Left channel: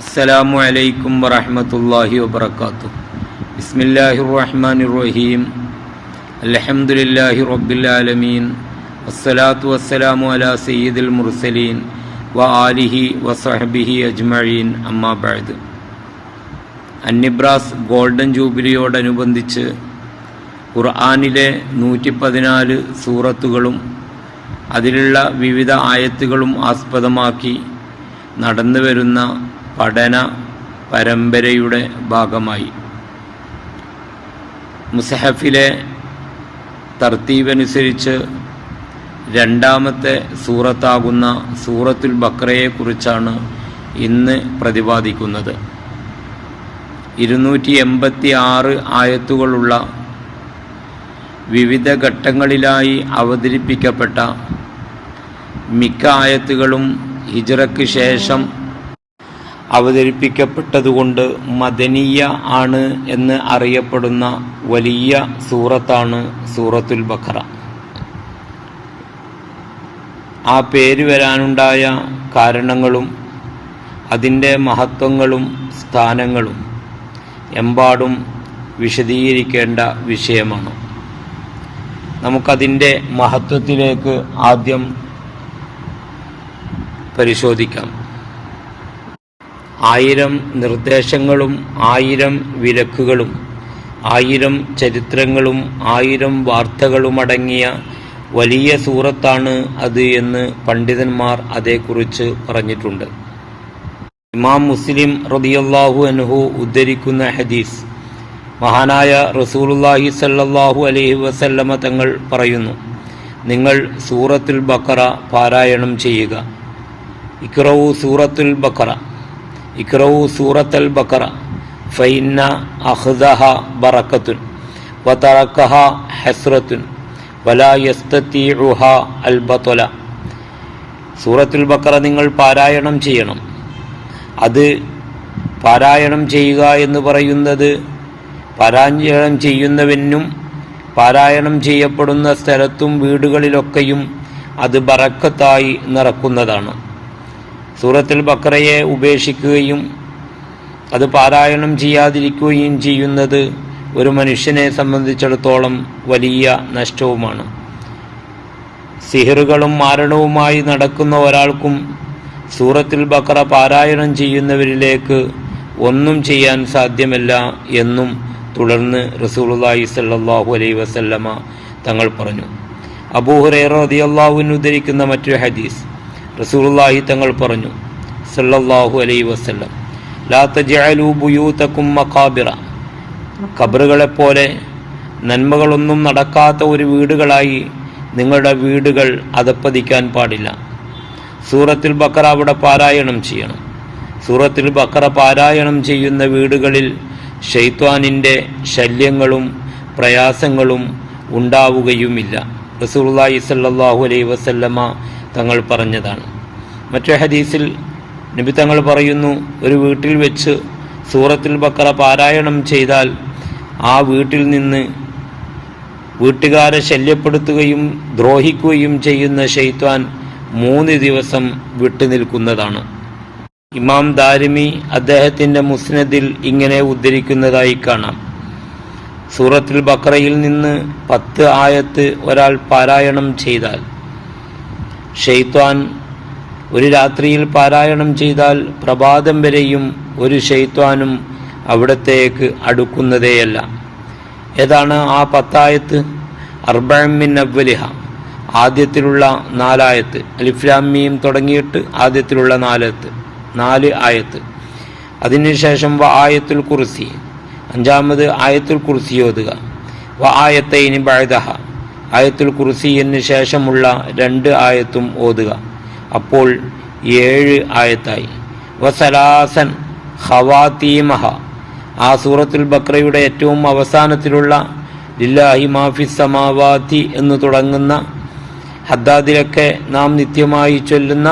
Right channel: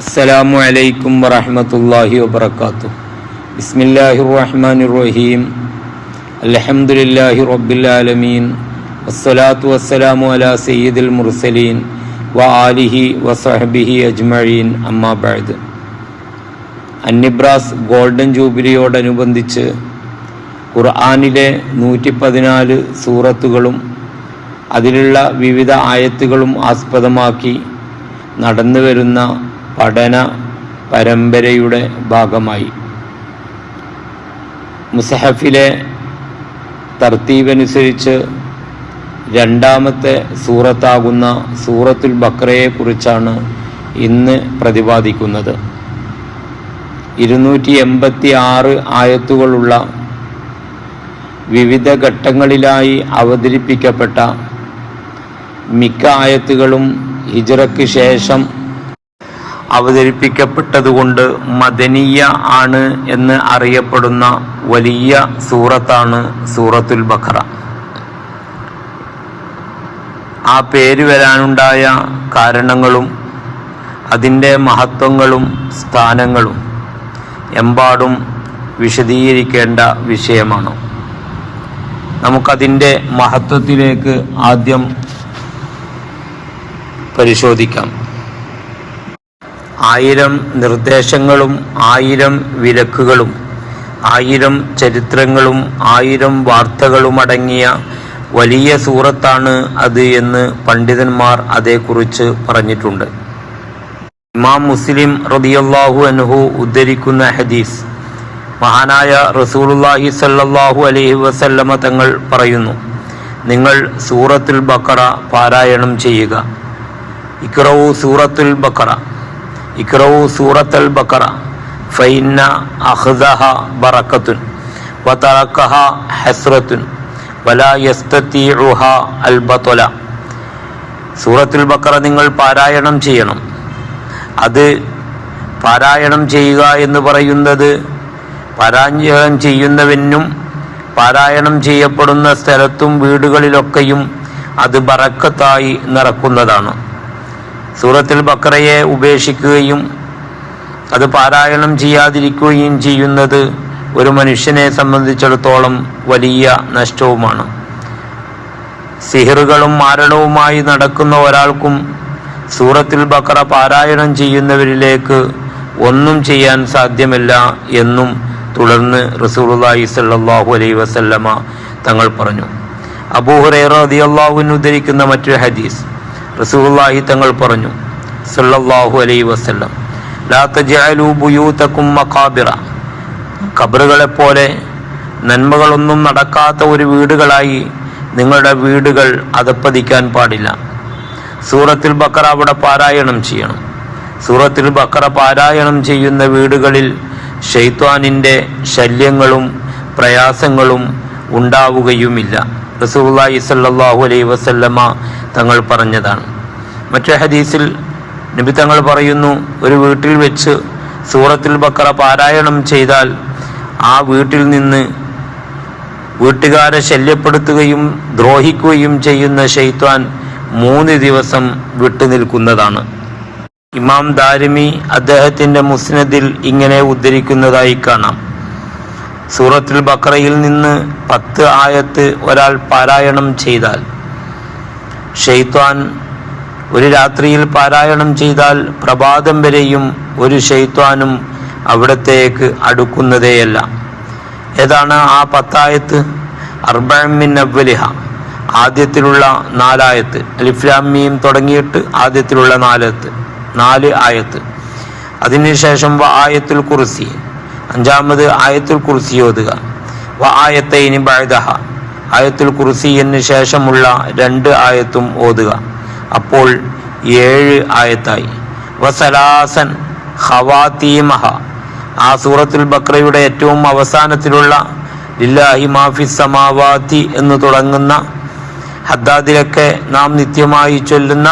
അസ്സലാമു അലൈക്കും വറഹ്മത്തുള്ളാഹി വബറകാതുഹു. ബിസ്മില്ലാഹിർ റഹ്മാനിർ റഹീം. അൽഹംദുലില്ലാഹി റബ്ബിൽ ആലമീൻ. വസ്സലാത്തു വസ്സലാമു അലാ സയ്യിദിൽ മുർസലീൻ വആലിഹി വസഹ്ബിഹി അജ്മഈൻ. അമ്മാ ബഅദ്. അന്നിബ്രാസ് ഗോൾഡൻ ജൂബിലിയോടനുബന്ധിച്ച് ഖുർആനിലെ 114 സൂറത്തുകളും അതിലുള്ള വിവിധ ആയത്തുകളും ആസ്പദമാക്കി നടന്നുവരുന്ന പഠന പരമ്പരയുടെ ഭാഗമായി മുസഹഫിലെ തർത്തീബനുസരിച്ച് രണ്ടാമത്തെ സൂറത്താകുന്ന സൂറത്തുൽ ബഖറയെക്കുറിച്ചാണ് ഇന്ന് പ്രതിപാദിക്കുന്നത്. 286 ആയത്തുകളുള്ള വിവിധ ഘട്ടങ്ങളിലായി അവതരിപ്പിക്കപ്പെട്ട മിക്ക ആയത്തുകളും ഹിജ്റയ്ക്ക് ശേഷം അവതരിപ്പിക്കപ്പെട്ടതുകൊണ്ട് മദനിയ ആണ് എന്ന് അറിയപ്പെടുന്ന വലിയ സൂറത്താണ് സൂറത്തുൽ ബഖറ. ആ പേര് വരാനുണ്ടായ കാരണങ്ങളും അതിൻ്റെ മഹത്വങ്ങളും സ്ഥാനങ്ങളും എമ്പാടും വിശദീകരിക്കേണ്ട വിഷയമാണ്. നമുക്കതിൻ്റെ മഹത്വത്തിലേക്ക് ആദ്യം പരിശോധിക്കാം. 1000 നിർദ്ദേശങ്ങളും 1000 വിലക്കുകളും 1000 ചരിത്രങ്ങളും 1000 വാർത്തകളുമടങ്ങിയ വലിയ സൂറത്താണ് അത് എന്ന് പണ്ഡിതന്മാർ അതേക്കുറിച്ച് പറഞ്ഞിട്ടുണ്ട്. ഇമാം മുസ്ലിം റളിയല്ലാഹു അൻഹു ഉദ്ധരിക്കുന്ന ഹദീസ്, മഹാനായ റസൂലുള്ളാഹി സ്വല്ലല്ലാഹു അലൈഹി വസല്ലമ തങ്ങൾ പറയുന്നു, നിങ്ങൾ സൂറത്തുൽ ബഖറ പാരായണം ചെയ്യുക. ഇഖ്റഊ സൂറത്തുൽ ബഖറ, ഇഖ്റഊ സൂറത്തുൽ ബഖറ ഫഇന്ന അഖ്ദഹ ബറകത്തുൻ വതറകഹ ഹസ്റത്തുൻ വലാ യസ്തതിഉഹ അൽ ബത്ല. സൂറത്തുൽ ബഖറ നിങ്ങൾ പാരായണം ചെയ്യണം. അത് പാരായണം ചെയ്യുക എന്ന് പറയുന്നത് പാരായണം ചെയ്യുന്നവനും പാരായണം ചെയ്യപ്പെടുന്ന സ്ഥലത്തും വീടുകളിലൊക്കെയും അത് ബറക്കത്തായി നിറക്കുന്നതാണ്. സൂറത്തുൽ ബഖറയെ ഉപേക്ഷിക്കുകയും അത് പാരായണം ചെയ്യാതിരിക്കുകയും ചെയ്യുന്നത് ഒരു മനുഷ്യനെ സംബന്ധിച്ചിടത്തോളം വലിയ നഷ്ടവുമാണ്. സിഹറുകളും മാരണവുമായി നടക്കുന്ന ഒരാൾക്കും സൂറത്തുൽ ബഖറ പാരായണം ചെയ്യുന്നവരിലേക്ക് ഒന്നും ചെയ്യാൻ സാധ്യമല്ല എന്നും തുടർന്ന് റസൂലുള്ളാഹി സ്വല്ലല്ലാഹു അലൈഹി വസല്ലമ തങ്ങൾ പറഞ്ഞു. അബൂ ഹുറൈറ റളിയല്ലാഹു അൻഹു ഉദ്ധരിക്കുന്ന മറ്റൊരു ഹദീസ്, റസൂലുള്ളാഹി തങ്ങൾ പറഞ്ഞു സല്ലല്ലാഹു അലൈഹി വസല്ലം, ലാ തജഅലൂ ബുയൂതകും മഖാബിറ. ഖബറുകളെപ്പോലെ നന്മകളൊന്നും നടക്കാത്ത ഒരു വീടുകളായി നിങ്ങളുടെ വീടുകൾ അധപ്പതിക്കാൻ പാടില്ല. സൂറത്തുൽ ബഖറ അവിടെ പാരായണം ചെയ്യണം. സൂറത്തുൽ ബഖറ പാരായണം ചെയ്യുന്ന വീടുകളിൽ ശൈത്വാനിൻ്റെ ശല്യങ്ങളും പ്രയാസങ്ങളും ഉണ്ടാവുകയുമില്ല. റസൂലുള്ളാഹി സ്വല്ലല്ലാഹു അലൈഹി വസല്ലമ തങ്ങൾ പറഞ്ഞതാണ്. മറ്റു ഹദീസിൽ നബി തങ്ങൾ പറയുന്നു, ഒരു വീട്ടിൽ വെച്ച് സൂറത്തുൽ ബഖറ പാരായണം ചെയ്താൽ ആ വീട്ടിൽ നിന്ന് വീട്ടുകാരെ ശല്യപ്പെടുത്തുകയും ദ്രോഹിക്കുകയും ചെയ്യുന്ന ശൈത്വാൻ 3 ദിവസം വിട്ടുനിൽക്കുന്നതാണ്. ഇമാം ദാരിമി അദ്ദേഹത്തിൻ്റെ മുസ്നദിൽ ഇങ്ങനെ ഉദ്ധരിക്കുന്നതായി കാണാം, സൂറത്തുൽ ബഖറയിൽ നിന്ന് 10 ആയത്ത് ഒരാൾ പാരായണം ചെയ്താൽ, ശൈത്വാൻ ഒരു രാത്രിയിൽ പാരായണം ചെയ്താൽ പ്രഭാതം വരെയും ഒരു ശൈത്വാനും അവിടത്തേക്ക് അടുക്കുന്നതേയല്ല. ഏതാണ് ആ 10 ആയത്ത്? അർബഅൻ മിൻ അവ്വലിഹ, ആദ്യത്തിലുള്ള 4 ആയത്ത്, അലിഫ് ലാം മീം തുടങ്ങിയിട്ട് ആദ്യത്തിലുള്ള 4 ആയത്ത്. അതിനുശേഷം വ ആയത്തുൽ കുർസി, 5ാമത് ആയത്തുൽ കുർസി ഓതുക. വ ആയത്തൈനി ബഅദഹ, ആയത്തുൽ കുർസിന് ശേഷമുള്ള 2 ആയത്തും ഓതുക. അപ്പോൾ 7 ആയത്തായി. വസലാസൻ ഖവാതീമഹ, ആ സൂറത്തുൽ ബഖറയുടെ ഏറ്റവും അവസാനത്തിലുള്ള ലില്ലാഹി മാഫിസ് സമാവാതി എന്ന് തുടങ്ങുന്ന ഹദ്ദാദിലൊക്കെ നാം നിത്യമായി ചൊല്ലുന്ന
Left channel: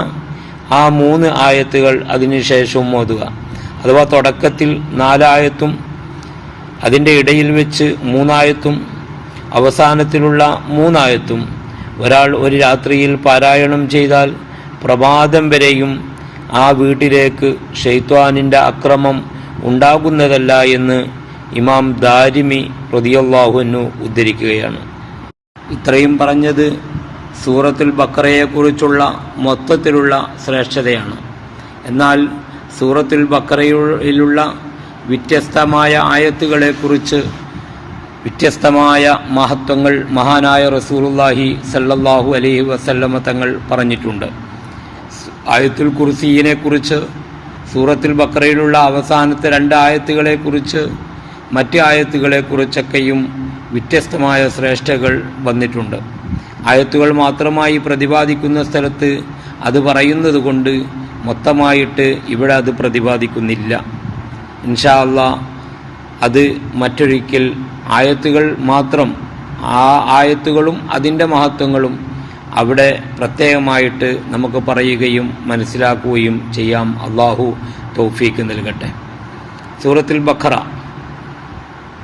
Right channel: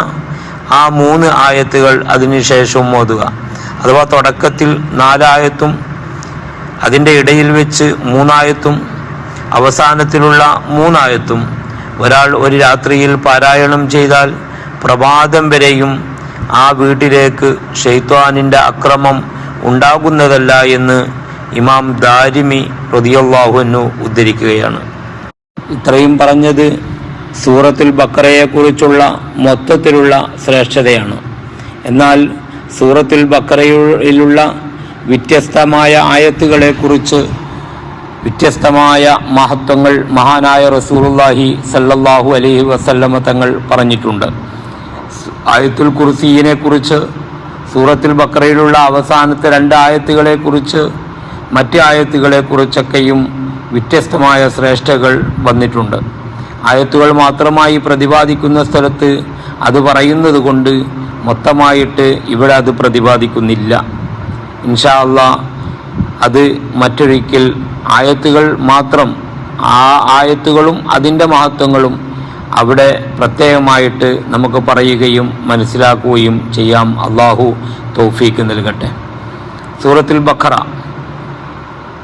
ആ 3 ആയത്തുകൾ അതിനുശേഷം ഓതുക. അഥവാ തുടക്കത്തിൽ 4 ആയത്തും അതിൻ്റെ ഇടയിൽ വെച്ച് 3 ആയത്തും അവസാനത്തിലുള്ള 3 ആയത്തും ഒരാൾ ഒരു രാത്രിയിൽ പാരായണം ചെയ്താൽ പ്രഭാതം വരെയും ആ വീട്ടിലേക്ക് ശൈത്വാനിൻ്റെ അക്രമം ഉണ്ടാകുന്നതല്ല എന്ന് ഇമാം ദാരിമി റളിയല്ലാഹു അൻഹു ഉദ്ധരിക്കുകയാണ്. ഇത്രയും പറഞ്ഞത് സൂറത്തുൽ ബഖറയെക്കുറിച്ചുള്ള മൊത്തത്തിലുള്ള ശ്രേഷ്ഠതയാണ്. എന്നാൽ സൂറത്തുൽ ബഖറയിലുള്ള വ്യത്യസ്തമായ ആയത്തുകളെക്കുറിച്ച് വ്യത്യസ്തമായ മഹത്വങ്ങൾ മഹാനായ റസൂലുള്ളാഹി സല്ലല്ലാഹു അലൈഹി വസല്ലമ തങ്ങൾ പറഞ്ഞിട്ടുണ്ട്. ആയത്തുൽ കുർസിയിനെ കുറിച്ച്, സൂറത്തുൽ ബഖറയിലുള്ള അവസാനത്തെ 2 ആയത്തുകളെക്കുറിച്ച്, മറ്റ് ആയത്തുകളെക്കുറിച്ചൊക്കെയും വ്യത്യസ്തമായ ശ്രേഷ്ഠകൾ വന്നിട്ടുണ്ട്. ആയത്തുകൾ മാത്രമായി പ്രതിപാദിക്കുന്ന സ്ഥലത്ത് അത് പറയുന്നത് കൊണ്ട് മൊത്തമായിട്ട് ഇവിടെ അത് പ്രതിപാദിക്കുന്നില്ല. ഇൻഷാ അല്ലാഹ് അത് മറ്റൊരിക്കൽ ആയത്തുകൾ മാത്രം, ആ ആയത്തുകളും അതിൻ്റെ മഹത്വങ്ങളും അവിടെ പ്രത്യേകമായിട്ട് നമുക്ക് പറയുകയും മനസ്സിലാക്കുകയും ചെയ്യാം. അള്ളാഹു തൗഫീക്ക് നൽകട്ടെ. സൂറത്തുൽ ബഖറ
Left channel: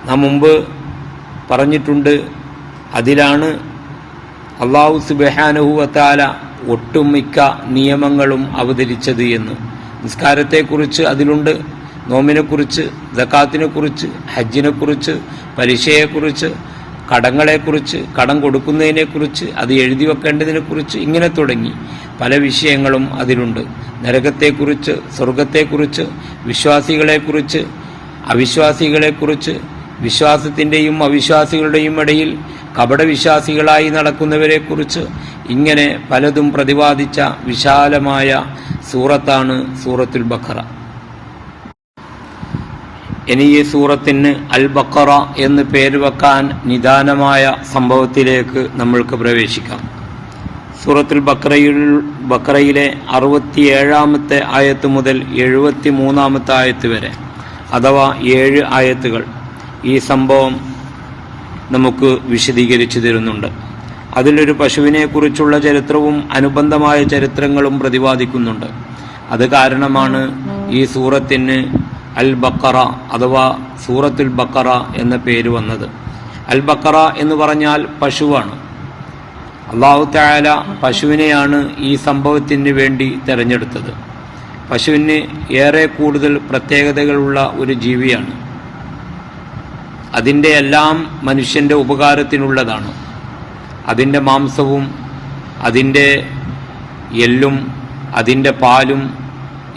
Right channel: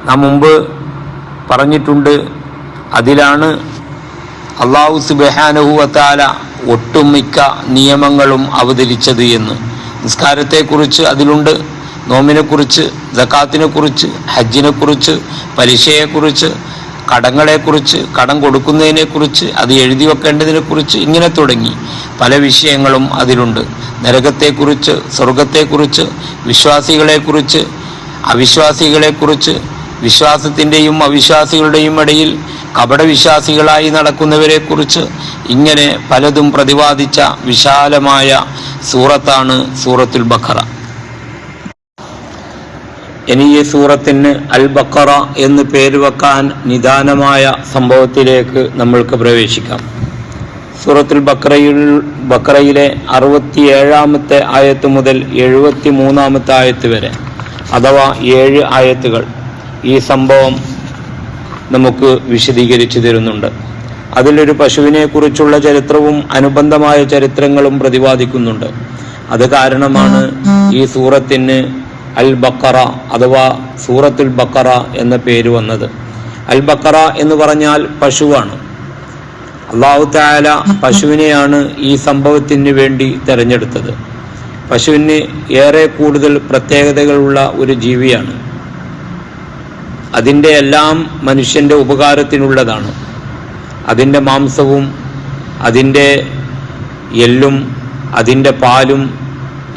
നാം മുമ്പ് പറഞ്ഞിട്ടുണ്ട്. അതിലാണ് അള്ളാഹു സുബ്ഹാനഹു വ തആല ഒട്ടുമിക്ക നിയമങ്ങളും അവതരിച്ചത് എന്ന്. നിസ്കാരത്തെക്കുറിച്ച് അതിലുണ്ട്, നോമിനെക്കുറിച്ച്, സക്കാത്തിനെക്കുറിച്ച്, ഹജ്ജിനെക്കുറിച്ച്, പലിശയെക്കുറിച്ച്, കടങ്ങളെക്കുറിച്ച്, കടം കൊടുക്കുന്നതിനെക്കുറിച്ച്, അത് എഴുതി വെക്കേണ്ടതിനെക്കുറിച്ച്, ഇങ്ങനെ തുടങ്ങി പല വിഷയങ്ങളും അതിലുണ്ട്. നരകത്തെക്കുറിച്ച്, സ്വർഗത്തെക്കുറിച്ച്, വിശ്വാസികളെക്കുറിച്ച്, അവിശ്വാസികളെക്കുറിച്ച്, വിശ്വാസത്തിൻ്റെയും അവിശ്വാസികളുടെയും ഇടയിൽ കപടവിശ്വാസികളായി നടക്കുന്നവരെക്കുറിച്ച്, ഇങ്ങനെ പലതും പ്രതിപാദിച്ച വിശാലമായ സൂറത്താണ് സൂറത്തുൽ ബഖറ. ഇനി ഈ സൂറത്തിന് അൽ ബഖറ എന്ന് പേര് വെക്കാൻ നിദാനമായ സംഭവത്തിലേക്ക് നമ്മൾക്ക് പ്രവേശിക്കാം. സൂറത്തുൽ ബഖറയിലെ 67-ാമത്തെ ആയത്ത് മുതൽ 73-ാമത്തെ ആയത്ത് വരെ, അഥവാ 7 ആയത്തുകൾ ഈ സംഭവം നമുക്ക് വിശദീകരിച്ചു തരുന്നുണ്ട്. അതിലൊരു പശുവിനെ കുറിച്ചുള്ള ചരിത്രവും അനുബന്ധമായ ചരിത്രങ്ങളും പ്രതിപാദിക്കുന്നുണ്ട്. അത് കാരണമാണ് ഈ സൂറത്തിന് അൽ ബഖറ അഥവാ സൂറത്തുൽ ബഖറ എന്ന പേര് വന്നത്. അൽ ബഖറ എന്ന് പറഞ്ഞാൽ പശുവാണ്. അല്ലാഹു തആല പശുവിനെയാണ് ഈ സംഭവത്തിന് വേണ്ടി തിരഞ്ഞെടുത്തത്. പശുവിന് ഏറെ കൂടുതൽ പ്രത്യേകതകളുള്ള ഒരു ജീവിയാണ്. അതിൻ്റെ എല്ലാം മനുഷ്യൻ്റെ ഉപകാരത്തിനുള്ളതാണ്. അതിൻ്റെ മാംസവും അതിൻ്റെ എല്ലും അതിൻ്റെ പാലും,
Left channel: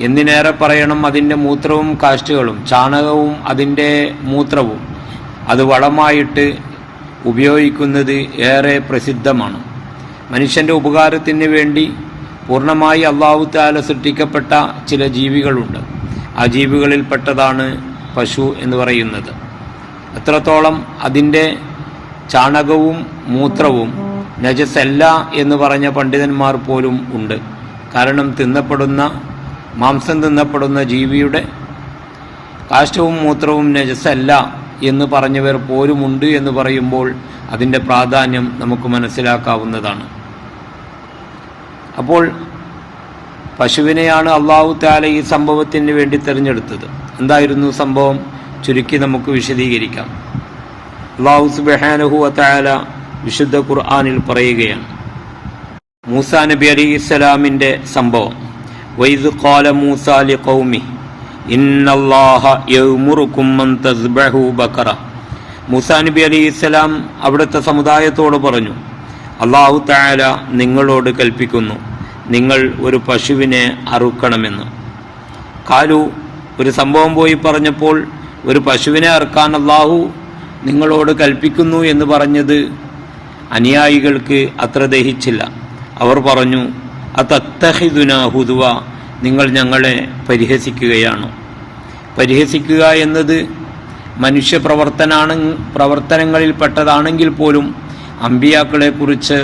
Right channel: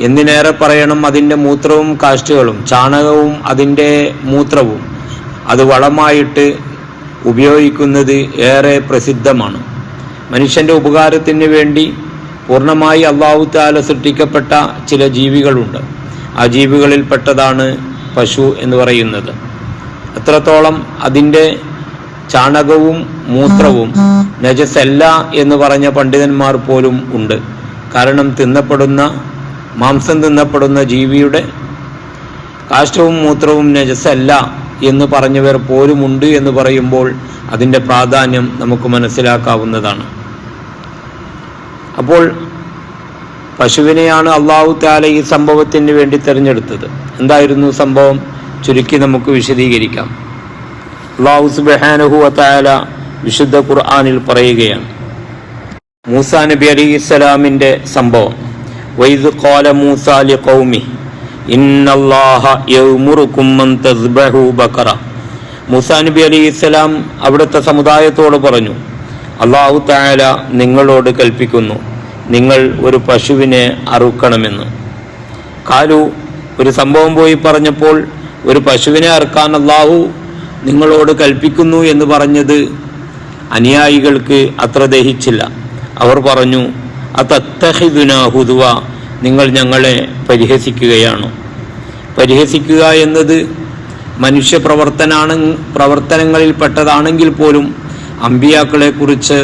എന്തിനേറെ പറയണം അതിൻ്റെ മൂത്രവും കാഷ്ഠകളും, ചാണകവും അതിൻ്റെ മൂത്രവും അത് വളമായിട്ട് ഉപയോഗിക്കുന്നത് ഏറെ പ്രസിദ്ധമാണ്. മനുഷ്യൻ്റെ ഉപകാരത്തിന് വേണ്ടി പൂർണ്ണമായി അല്ലാഹു തആല സൃഷ്ടിക്കപ്പെട്ട ചില ജീവികളുണ്ട്. ആ ജീവികളിൽപ്പെട്ടതാണ് പശു എന്ന് പറയുന്നത്. എത്രത്തോളം അതിൻ്റെ ചാണകവും മൂത്രവും നജസല്ല എന്ന് പറഞ്ഞ പണ്ഡിതന്മാർ പോലും ഉണ്ട്. കാരണം മാംസം തിന്നപ്പെടുന്ന ജീവിയുടെ കാഷ്ടവും മൂത്രവും നജസല്ല എന്ന് പറഞ്ഞവർ പോലുമുണ്ട് എന്ന് പറയുമ്പോൾ അതിൻ്റെ പ്രാധാന്യം നമുക്ക് മനസ്സിലാക്കാവുന്നതാണ്. അപ്പോൾ പശുവിനെയാണ് അല്ലാഹു തആല ഈ സംഭവത്തിന് വേണ്ടി തിരഞ്ഞെടുത്തത്. എന്തായിരുന്നു സംഭവം? ചുരുക്കി നമുക്ക് വിശദീകരിക്കാം. അല്ലാഹു സുബ്ഹാനഹു വ തആല വിശുദ്ധ ഖുർആനിൽ പറയുകയാണ്, മൂസാ നബി അലൈഹിസ്സലാമിൻ്റെ സംഭവം. വൈദ് ഖാല മൂസാ ലിഖൗമിഹി ഇന്നല്ലാഹ യഅ്മുറുകും അൻ തസ്ബഹു ബഖറ. മൂസാ നബി അലൈഹിസ്സലാം അവിടുത്തെ സമുദായത്തോട് പറഞ്ഞു, അല്ലാഹു തആല നിങ്ങളോട് കൽപ്പിക്കുന്നു, നിങ്ങൾ ഒരു പശുവിനെ അറുക്കണമെന്ന്. കാലു, ഒരു സംഭവം പോയി പറഞ്ഞപ്പോൾ ഒരു പശുവിനെ അറുക്കാൻ അല്ലാഹു നിങ്ങളോട് കൽപ്പിക്കുന്നു എന്ന് പറഞ്ഞത് അനുയായികൾക്ക് അത്ര ദഹിച്ചില്ല. അവർ പറഞ്ഞു, അതത്തഖിദുനാ ഹുദുവ, നിങ്ങൾ ഞങ്ങളെ പരിഹസിക്കുകയാണോ? പരിഹസിക്കുക എന്നത് മനുഷ്യ പ്രവർത്തനങ്ങളിൽപ്പെട്ടതാണെങ്കിൽ പോലും അമ്പിയാക്കളെ കുറിച്ച്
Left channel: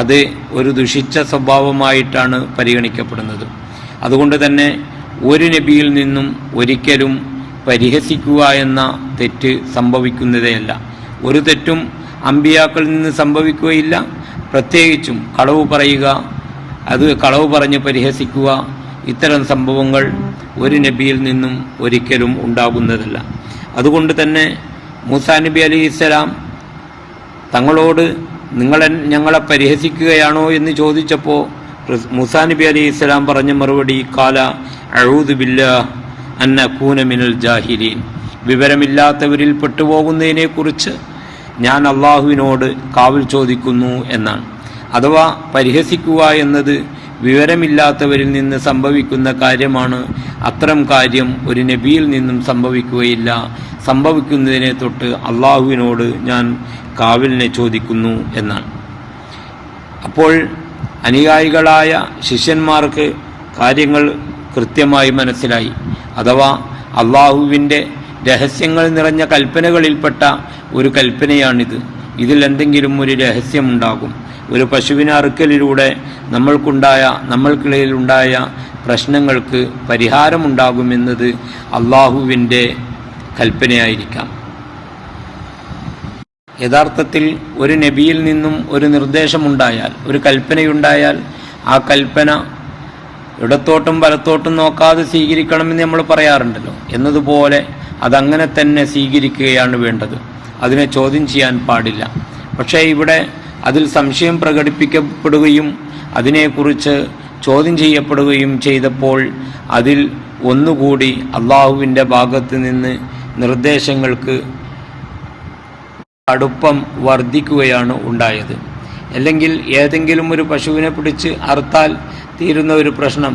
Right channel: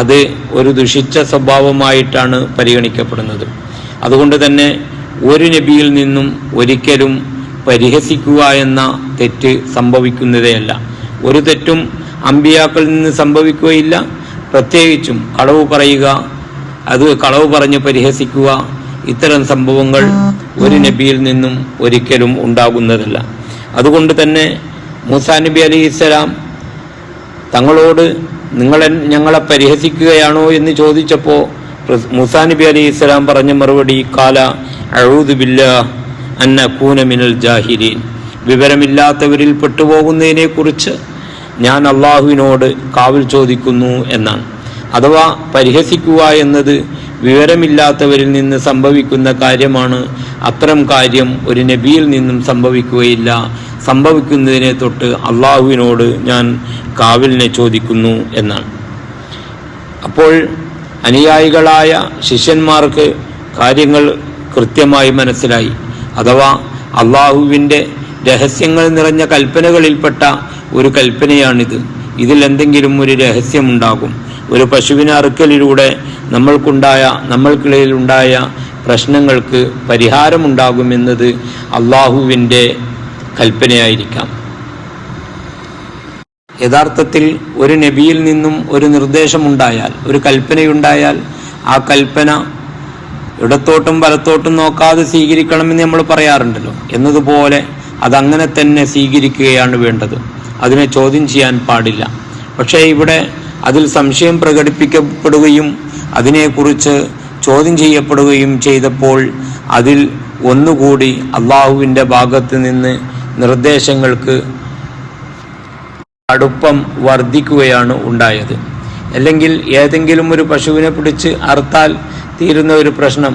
അത് ഒരു ദുഷിച്ച സ്വഭാവമായിട്ടാണ് പരിഗണിക്കപ്പെടുന്നത്. അതുകൊണ്ട് തന്നെ ഒരു നബിയിൽ നിന്നും ഒരിക്കലും പരിഹസിക്കുക എന്ന തെറ്റ് സംഭവിക്കുന്നതേയല്ല. ഒരു തെറ്റും അമ്പിയാക്കളിൽ നിന്ന് സംഭവിക്കുകയില്ല. പ്രത്യേകിച്ചും കളവ് പറയുക, അത് കളവ് പറഞ്ഞ് പരിഹസിക്കുക, ഇത്തരം സംഭവങ്ങൾ ഒരു നബിയിൽ നിന്നും ഒരിക്കലും ഉണ്ടാകുന്നതല്ല. അതുകൊണ്ട് തന്നെ മൂസാ നബി അലൈഹിസ്സലാം തങ്ങളോട് ഞങ്ങളെ പരിഹസിക്കുകയാണോ എന്ന് ചോദിച്ചപ്പോൾ മൂസാ നബി അലൈഹി ഇസ്ലാം പറഞ്ഞ മറുപടി കാല അഊദു ബില്ലാഹ് അൻ അകൂന മിനൽ ജാഹിലീൻ, വിവരമില്ലാത്തവരിൽ പെട്ടുപോകുന്നതിനെ കുറിച്ച് ഞാൻ അള്ളാഹുവിനോട് കാവൽ ചോദിക്കുന്നു എന്നാണ്. അഥവാ പരിഹസിക്കുക എന്നത് വിവരമില്ലാത്തവരിൽ നിന്ന് സംഭവിക്കുന്ന കാര്യമാണ്. അത്തരം കാര്യം ഒരു നബിയിൽ നിന്നും സംഭവിക്കുകയില്ല. സംഭവിക്കുന്നതിനെ തൊട്ട് അള്ളാഹുവിനോട് ഞാൻ കാവലിനെ ചോദിക്കുന്നു എന്നാണ്. അപ്പോൾ അനുയായികളായ ശിഷ്യന്മാർക്ക് കാര്യങ്ങൾ കൃത്യമായി മനസ്സിലായി. അഥവാ അള്ളാഹുവിൻ്റെ രഹസ്യങ്ങൾ നിറഞ്ഞ കൽപ്പനകളിൽപ്പെട്ട ഒരു കൽപ്പനയാണിത്. ഇതിൽ എന്തെങ്കിലും ഒരു രഹസ്യമുണ്ടാകും. ഒരു പശുവിനെ അറുക്കലിലൂടെ നമ്മൾക്കിടയിലുണ്ടായ പ്രശ്നങ്ങൾക്ക് പരിഹാരമുണ്ടാകുമെന്നത് അള്ളാഹുവിൻ്റെ കൽപ്പനയായിരിക്കാം. യഥാർത്ഥത്തിൽ ഒരു നബിയിൽ നിന്നും ഒരു നിർദ്ദേശമുണ്ടായാൽ, ഒരു കൽപ്പനയുണ്ടായാൽ, ആ കൽപ്പന ഇടത്തോട്ടും വലത്തോട്ടും നോക്കാതെ സ്വീകരിക്കണമെന്ന് നമ്മൾ പറയാറുണ്ടല്ലോ. എന്നതുപോലെ അതങ്ങനെ തന്നെ സ്വീകരിക്കുകയാണ് വേണ്ടത്. അതിനെ ചോദ്യം ചെയ്യാൻ പാടില്ല. പക്ഷേ ഇവിടെ അതിൽ സംശയം പ്രകടിപ്പിക്കപ്പെടുകയും അതിനെക്കുറിച്ച് ചോദ്യം ചെയ്യപ്പെടുകയും ചെയ്തപ്പോൾ അതിൽ ഒന്നുകൂടി അള്ളാഹുവിൻ്റെ ഭാഗത്ത് നിന്ന് നിർദ്ദേശങ്ങൾക്ക് അടുപ്പം വർദ്ധിക്കുകയാണ് ഉണ്ടായത്. അല്ലെങ്കിൽ ഏതെങ്കിലും ഒരു പശുവിനെ പിടിച്ച് അറുത്താൽ തീരുന്ന ഒരു പ്രശ്നം,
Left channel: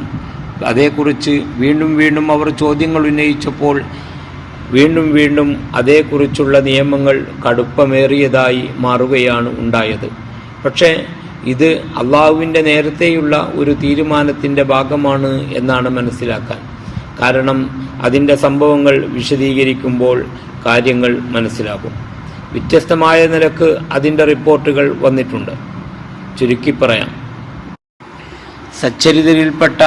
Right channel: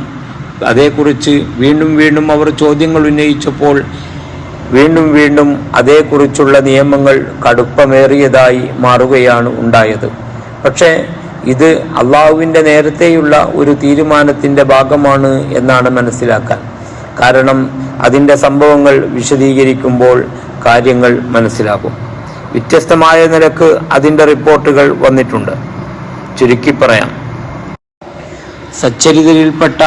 അതേക്കുറിച്ച് വീണ്ടും വീണ്ടും അവർ ചോദ്യങ്ങൾ ഉന്നയിച്ചപ്പോൾ വീണ്ടും അതേക്കുറിച്ചുള്ള നിയമങ്ങൾ കടുപ്പമേറിയതായി മാറുകയാണ് ഉണ്ടായത്. പക്ഷേ ഇത് അള്ളാഹുവിൻ്റെ നേരത്തെയുള്ള ഒരു തീരുമാനത്തിൻ്റെ ഭാഗമാണ് എന്നാണ് മനസ്സിലാക്കാൻ. കാരണം അതിൻ്റെ സംഭവങ്ങൾ വിശദീകരിക്കുമ്പോൾ കാര്യങ്ങൾ മനസ്സിലാകും. വ്യത്യസ്തമായ നിലക്ക് അതിൻ്റെ റിപ്പോർട്ടുകൾ വന്നിട്ടുണ്ട്. ചുരുക്കി പറയാം, സച്ചരിതരിൽപ്പെട്ട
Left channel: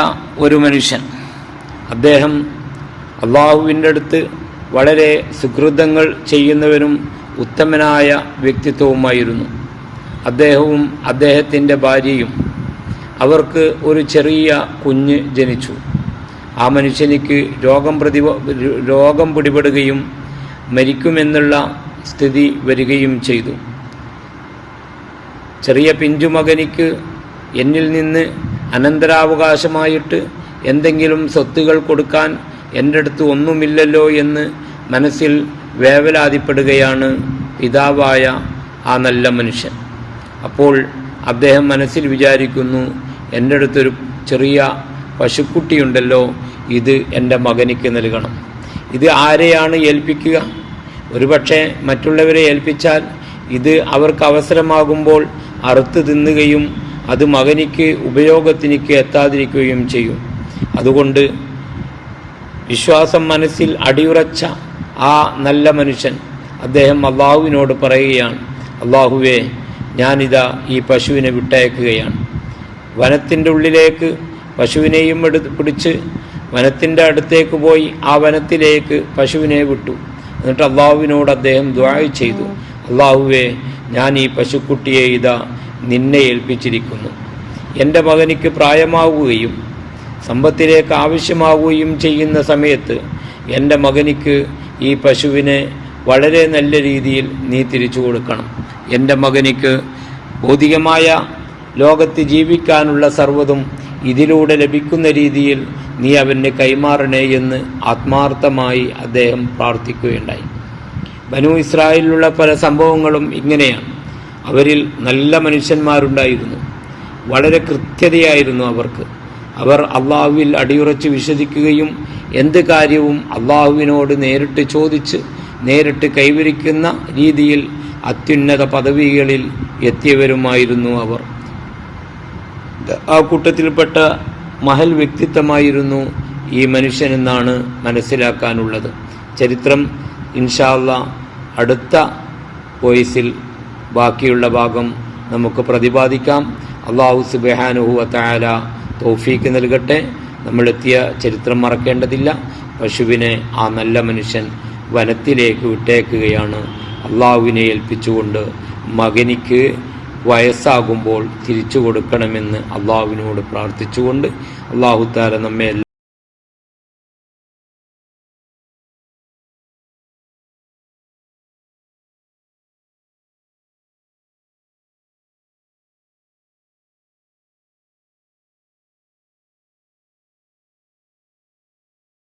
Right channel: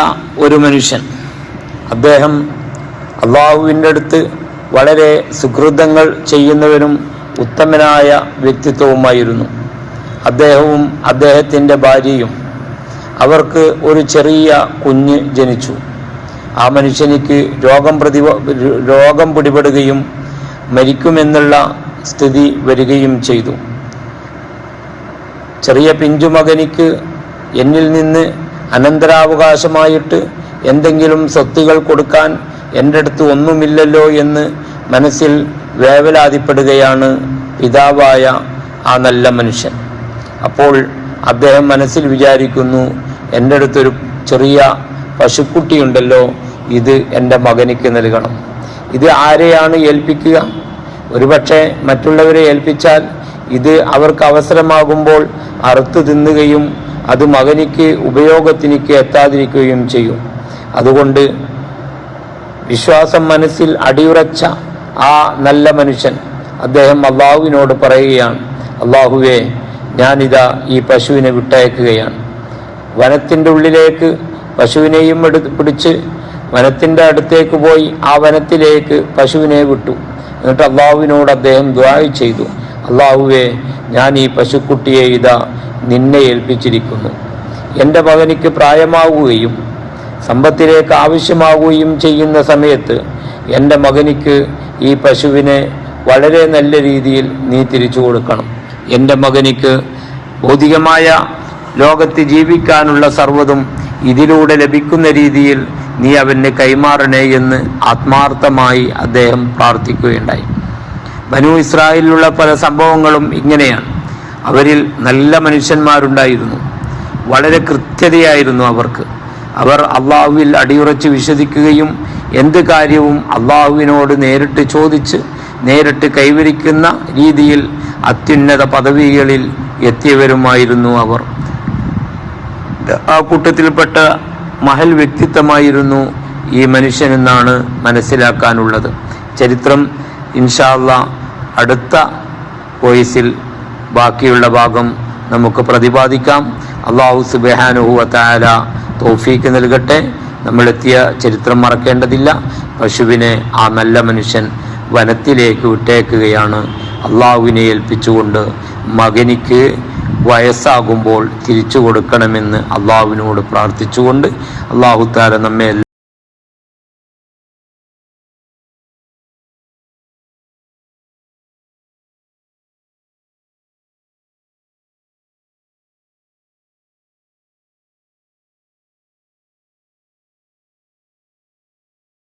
ഒരു മനുഷ്യൻ, അദ്ദേഹം അള്ളാഹുവിൻ്റെ അടുത്ത് വളരെ സുഹൃതങ്ങൾ ചെയ്യുന്നവരും ഉത്തമനായ വ്യക്തിത്വവുമായിരുന്നു. അദ്ദേഹവും അദ്ദേഹത്തിൻ്റെ ഭാര്യയും, അവർക്ക് ഒരു ചെറിയ കുഞ്ഞ് ജനിച്ചു. ആ മനുഷ്യനിക്ക് രോഗം പിടിപെടുകയും മരിക്കുമെന്നുള്ള സ്ഥിതി വരികയും ചെയ്തു. ചെറിയ പിഞ്ചുമകനിക്ക് എന്നിൽ നിന്ന് അനന്തരാവകാശമായിട്ട് എന്തെങ്കിലും സ്വത്തുകൾ കൊടുക്കാൻ എൻ്റെ അടുത്ത് ഒന്നുമില്ലല്ലോ എന്ന് മനസ്സിൽ വേവലാതിപ്പെടുകയാണ് പിതാവായ ആ നല്ല മനുഷ്യൻ. അപ്പോൾ അദ്ദേഹം മനസ്സിൽ വിചാരിക്കുന്നു, എൻ്റെ അടുത്തൊരു ചെറിയ പശുക്കുട്ടിയുണ്ടല്ലോ, ഇത് എൻ്റെ മകനിക്ക് നൽകണം. ഇത് ആരെയാണ് ഏൽപ്പിക്കുക? ഒരുപക്ഷെ മറ്റുള്ളവരെ ഏൽപ്പിച്ചാൽ ഇത് അവർക്ക് അവസരമാകുമ്പോൾ അറുത്ത് തിന്നുകയും അത് മകനിക്ക് ഉപയോഗത്തിനിക്ക് എത്താതിരിക്കുകയും ചെയ്യും. അതുകൊണ്ട് വിശ്വാസം മനസ്സിൽ അടിയുറച്ച ആ നല്ല മനുഷ്യൻ അദ്ദേഹം അള്ളാഹുവിനോട് പറയുകയാണ്, അള്ളാഹുവേ, ഞാനിതാ ഈ പശുവിനെ വിട്ടയക്കുകയാണ്. വനത്തിൻ്റെ ഉള്ളിലേക്ക് പശുവിനെയും പിടിച്ച് വനത്തിൻ്റെ അടുത്തേക്ക് പോയി ആ വനത്തിലേക്ക് പശുവിനെ വിട്ടു. എന്നിട്ട് അള്ളാഹുവിനോട് അദ്ദേഹം ദുആ ചെയ്തു, അള്ളാഹുവേ, ഞാൻ ഈ പശുക്കുട്ടിയെ ഇതാ നിന്നെ ഏൽപ്പിച്ചിരിക്കുന്നു. എൻ്റെ മകനിക്ക് പ്രായമാവുകയും സമ്പത്തിലേക്ക് ആവശ്യമാവുകയും ചെയ്യുന്ന സമയത്ത് എൻ്റെ മകനിക്ക് ഈ പശുവിനെ വളരെ നല്ല രീതിയിൽ നീ തിരിച്ചു കൊടുക്കണം. എൻ്റെ മകനിക്ക് ഭൗതികമായ ലോകത്ത് ജീവിക്കാനുള്ള സർവ്വതും ഇതിലൂടെ ലഭിക്കുന്ന രീതിയിൽ നീ അവന് കൈമാറണേ എന്ന് ആത്മാർത്ഥമായി അദ്ദേഹം പ്രാർത്ഥിക്കുകയുണ്ടായി. ബനൂ ഇസ്രായേലിലുള്ള പല സംഭവങ്ങളും ഇങ്ങനെയാണ്. അവരിൽ നല്ല മനുഷ്യന്മാരുണ്ടായിരുന്നു. വളരെ കൃത്യതയായിരുന്നു അവർക്ക്. അവർ അള്ളാഹുവിൽ അടിയുറച്ച് വിശ്വസിക്കുകയും എന്ത് കാര്യവും അള്ളാഹുവിനോട് നേരിട്ട് ചോദിച്ച് നേരിട്ട് കൈവരിക്കുന്ന രീതിയിൽ അത്യുന്നത പദവികളിൽ എത്തിയവരുമായിരുന്നു അവർ. ആ കൂട്ടത്തിൽപ്പെട്ട മഹൽ വ്യക്തിത്വമായിരുന്നു ഈ മനുഷ്യനെന്നാണ് മനസ്സിലാക്കാനുള്ളത്. ചരിത്രം ഇൻഷാ അല്ലാഹ് അടുത്ത വോയിസിൽ ബാക്കിയുള്ള ഭാഗം നമുക്ക് പ്രതിപാദിക്കാം. അല്ലാഹു സുബ്ഹാനഹു വ തആല തൗഫീക്ക് നൽകട്ടെ. നമ്മളെത്തിയ ചരിത്രം മറക്കേണ്ടതില്ല. പശുവിനെ ആ നല്ല മനുഷ്യൻ വനത്തിലേക്ക് വിട്ടേക്കുകയാണ്. അള്ളാഹുവിനെ ഏൽപ്പിച്ചുകൊണ്ട് മകനിക്ക് വയസ്സാകുമ്പോൾ തിരിച്ചു കൊടുക്കണമെന്ന് അള്ളാഹുവിനോട് പ്രാർത്ഥിച്ചുകൊണ്ട് അള്ളാഹു തആല നമ്മെ